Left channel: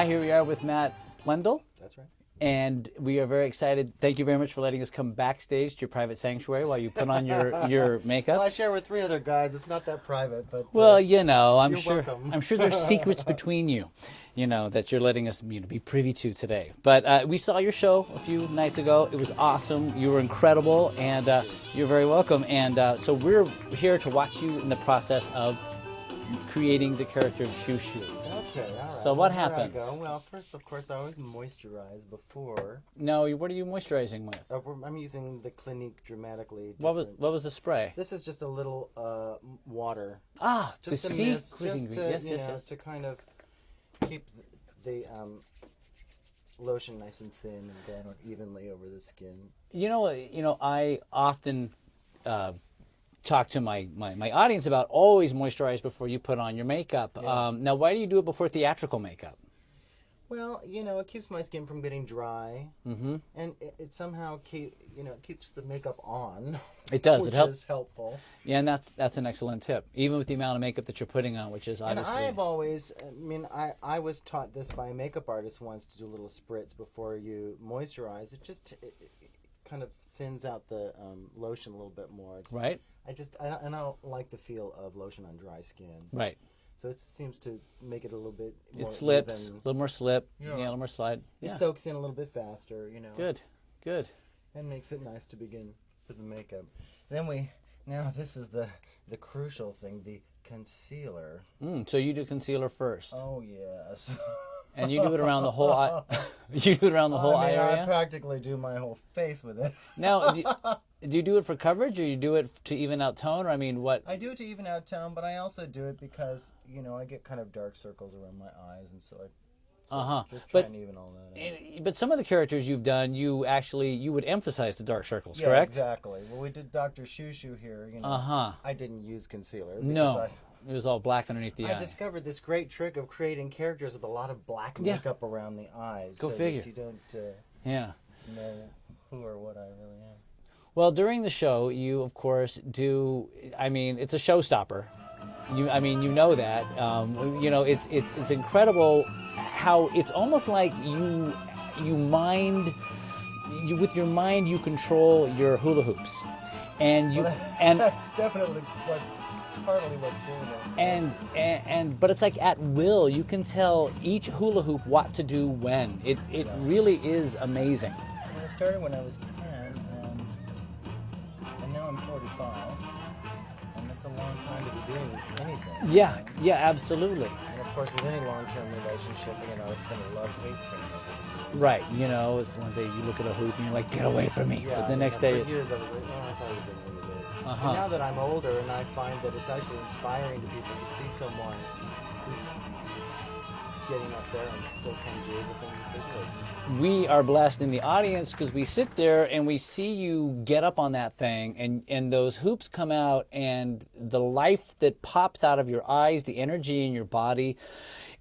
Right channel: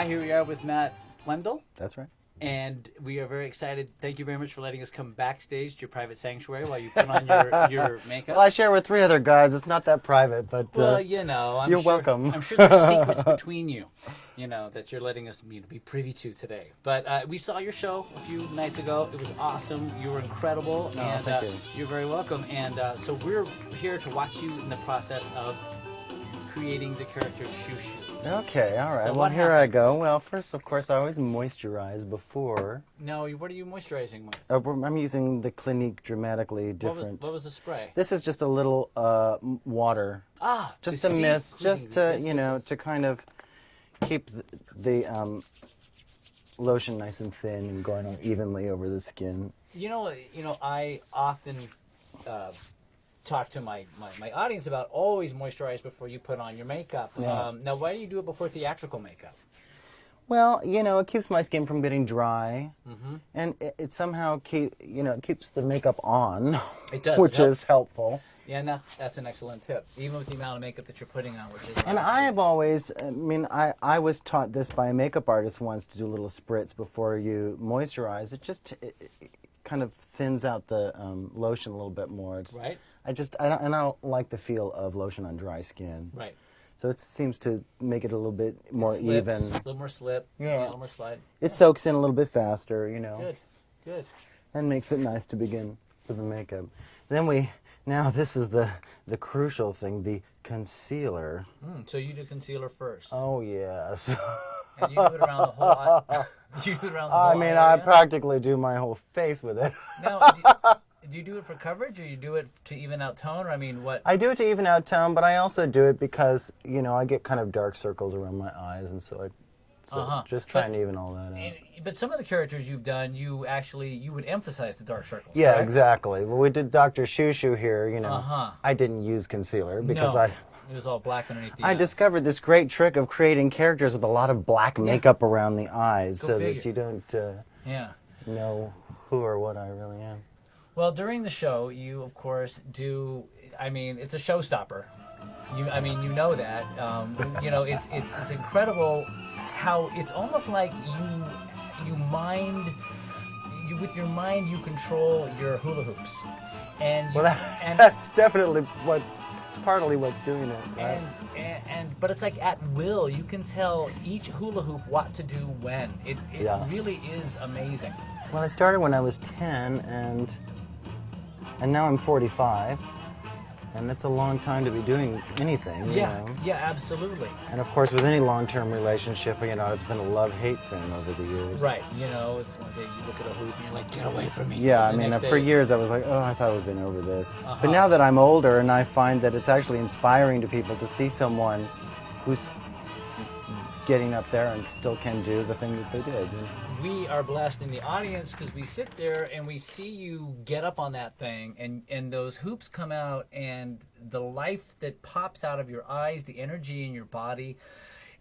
Hi, here we are with Matt Wendell. That's right. And we are very excited. Thank you very much for letting us come backstage to your private sanctuary while you put on your makeup. Well, I share with 3 other guys. It's not that private, but well, you know, you're welcome. I'm sure there's secrets between you, you know, that you're letting us be privy to today. But we saw your show a few nights ago. It was awesome. You were incredible, and you're very welcome. And so we're here to watch you in the process of creating the character of Shoo Shoo. Okay, all right. So well, what here happens? I go. Well, first, of course, I always moisturize before. No, what are you moisturizing with? I'm using the Clinique Dramatically Different. What was the spray? This is just a little water. Ah, just the a mist, seed just to yes, yes. to kind of keep the lotion nice and thin and going on evenly over the skin. You know, I often talk to my audience about always moisturize before you put on your makeup. Yeah. Now, why do you do it before theatrical makeup? Well, you know, it keeps my skin from getting dry, and it somehow keeps the makeup on. It does, which is helpful. Yeah, and that's an excellent tip, even with the amount of makeup that you're putting on, which is And I have always, I was taught this by a makeup artist once to do a little spritz before you moisturize. It kind of thins out the lotion a little bit more. Right. I don't like the feel of lotion on dry skin. Right. So it seems to make it a little bit more Slips, even. a little more slip, Yeah. a little more slide. It soaks in a little bit faster, you know. Good. And makes it nice to begin with the makeup. Then now this is the crucial thing, the concealer. So you do concealer first. Oh yes. And you do it around the whole eye. You do it around the whole eye I area? practically do my whole face with it. Now, do you do it for coverage, or you do it to even out tone, or I mean, what? I do it to even out tone, but I also do it because, you know, I get kind of dark circles around my eyes, and so just try and even all that out. But some of the characters you've done, you would emphasize the dark circles, Yeah, correct? exactly. Well, we did Dr. Shoo Shoo here, you know. I didn't use concealer because it was all black underneath the I eye. discovered this great trick of creating characters with a lot of black makeup around the eyes so that you don't know who or what I really am. Well, during the show, you, of course, do, I mean, it's a showstopper. You know that. You know, it's incredible how it's almost like with your mind, you control your hula hoops. And that's definitely partly what's doing that. But it's like at will. You can tell each hula hoop what to do when. It really is amazing. Well, I started when I was 10, and now I'm 45, and it's a long time to be doing anything. Yeah, you know? yeah, absolutely. And of course, with any long-term relationship, you know, it's been a love-hate thing over the years. Right, you know, it's one day you look at a hoop and you're like, get away from me. Yeah, I mean, for years I was like, oh, I thought we'd been over this. But now that I'm older, and I find that it's actually inspiring to people to see someone who's getting up there and still can do the thing that they did. We are blessed in the audience because we sit there and we see you get up on that thing, and those hoops come out, and the life that pops out of your eyes, the energy in your body,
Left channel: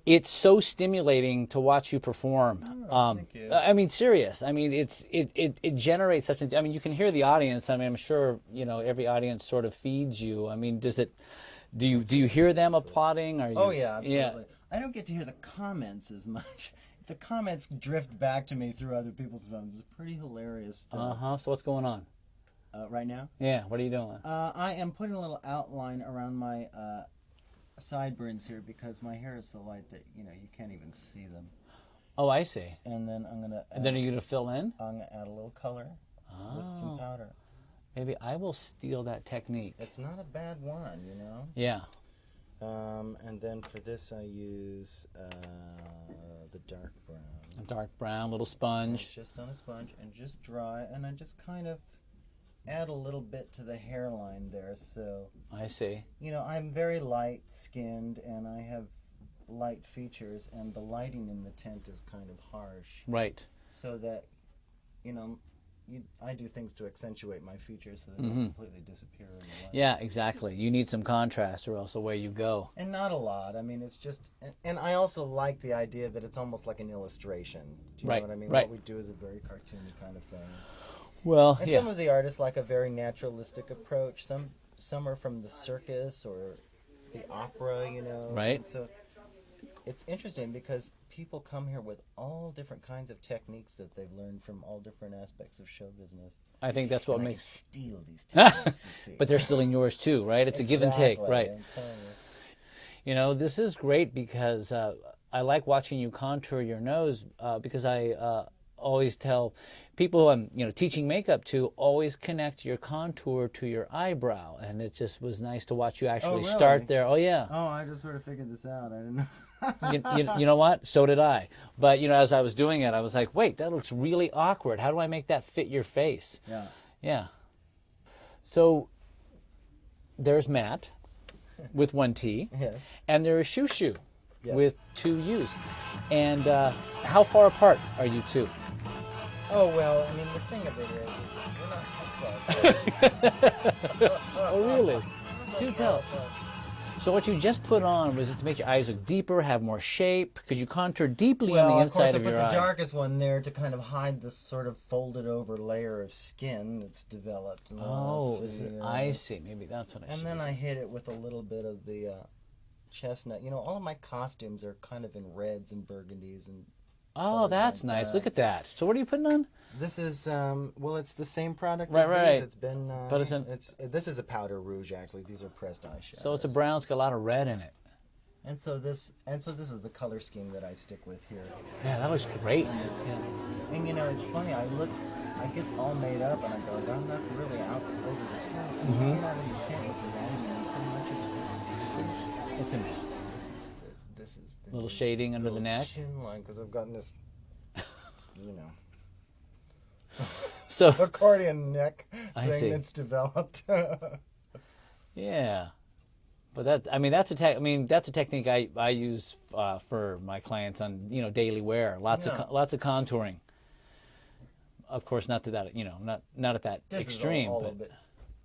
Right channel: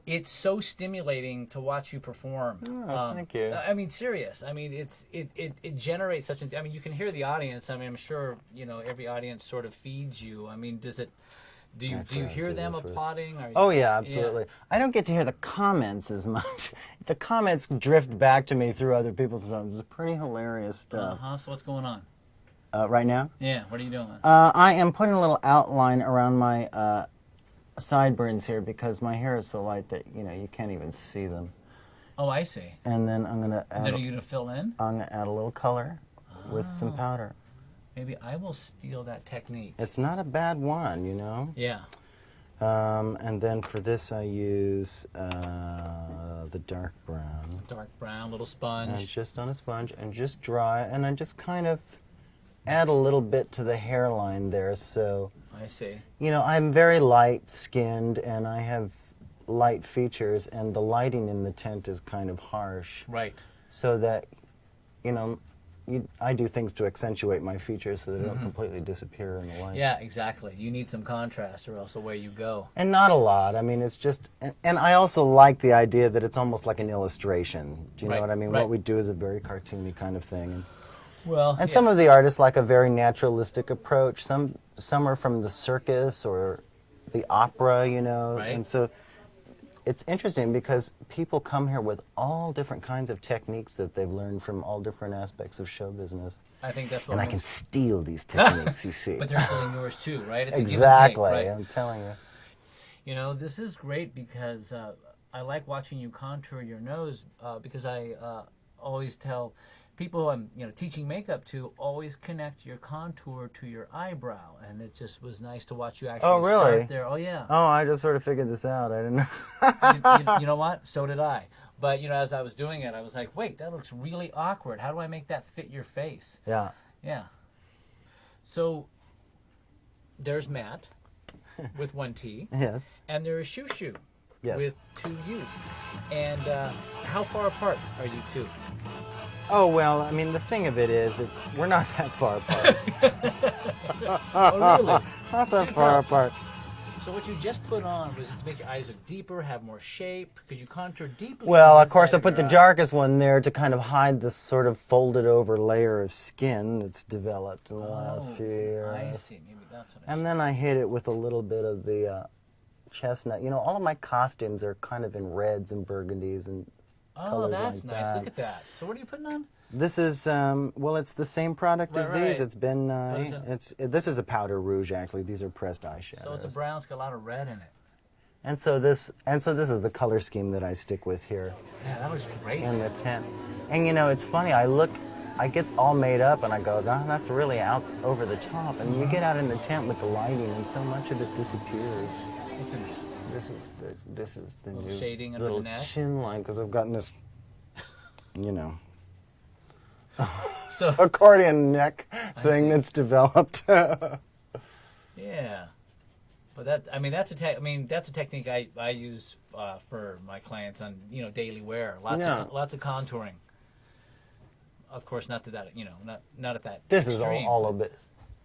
it's so stimulating to watch you perform. Oh, thank you. I mean, serious. I mean, it generates such a. I mean, you can hear the audience. I mean, I'm sure every audience sort of feeds you. I mean, does it? Do you hear them applauding? Or oh yeah, absolutely. Yeah. I don't get to hear the comments as much. The comments drift back to me through other people's phones. It's pretty hilarious stuff. So what's going on? Right now? Yeah. What are you doing? I am putting a little outline around my sideburns here because my hair is so light that you can't even see them. Oh, I see. And then I'm gonna. And then are you gonna fill in? I'm gonna add a little color with some powder. Maybe I will steal that technique. It's not a bad one, you know? Yeah. And then for this I use the dark brown. Dark brown, little sponge. And just on a sponge and just dry. And I just kind of add a little bit to the hairline there. So, I see. You know, I'm very light-skinned and I have light features. And the lighting in the tent is kind of harsh. Right. So that, I do things to accentuate my features so that they don't completely disappear in the light. Yeah, exactly. You need some contrast or else away you go. And not a lot. I mean, it's just... And I also like the idea that it's almost like an illustration. Do you know what I mean? Right. What we do is a very cartoony kind of thing. And some of the artists like a very naturalistic approach. Some are from the circus or the opera, Right. And so it's interesting because people come here with all different kinds of techniques that they've learned from all different aspects of show business. I think that's what And I can steal these techniques, you see. But they're stealing yours too, right? It's exactly, a give and take, right? I'm telling you. You know, this is great because I like watching you contour your nose because I always tell people who I'm teaching makeup to always connect your contour to your eyebrow, and it just was nice to watch you actually start there. Oh yeah. Oh, I just sort of figured this out. I didn't know. You know what? So did I. But as I was doing it, I was like, wait, that looks really awkward. How do I make that fit your face? Yeah. Yeah. So there's Matt with one T. Yes. And there is Shoo Shoo Yes. with two U's. And how far apart are you two? Oh, well, I mean, the thing of it is, we're not that far apart. Oh, really? Not that far apart. So what you just put on, was it to make your eyes look deeper, have more shape? Because you contour deeply Well, on the of course, I inside put the your eye. darkest one there to kind of hide this sort of folded over layer of skin that's developed in the last few years. I see. Maybe that's what I see. And then I hit it with a little bit of the chestnut. All of my costumes are kind of in reds and burgundies and Oh, colors that's like nice. that. Look at that. So what are you putting on? This is, well, it's the same product Right, as right. these. It's been, But it's this is a powder rouge, actually. These are pressed eyeshadows. So it's a brown. It's got a lot of red in it. And so this is the color scheme that I stick with here Yeah, that looks great. in the tent. And it's funny, I get all made up and I go, God, that's really out over the top. And you get out in the tent with the lighting and so much of it disappears. It's a mess. This is the Little new shading under the little neck. chin line, because I've gotten this, So accordion neck I thing see. that's developed. yeah, but that's a technique I use for my clients on daily wear. Lots of contouring. Of course, not to that not at that This extreme. is all a bit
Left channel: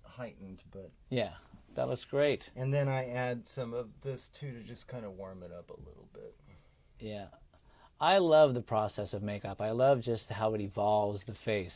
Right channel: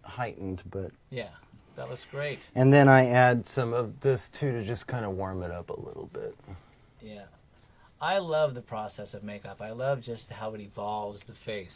heightened, but yeah, that looks great. and then I add some of this too to just kind of warm it up a little bit. Yeah, I love the process of makeup. I love just how it evolves the face.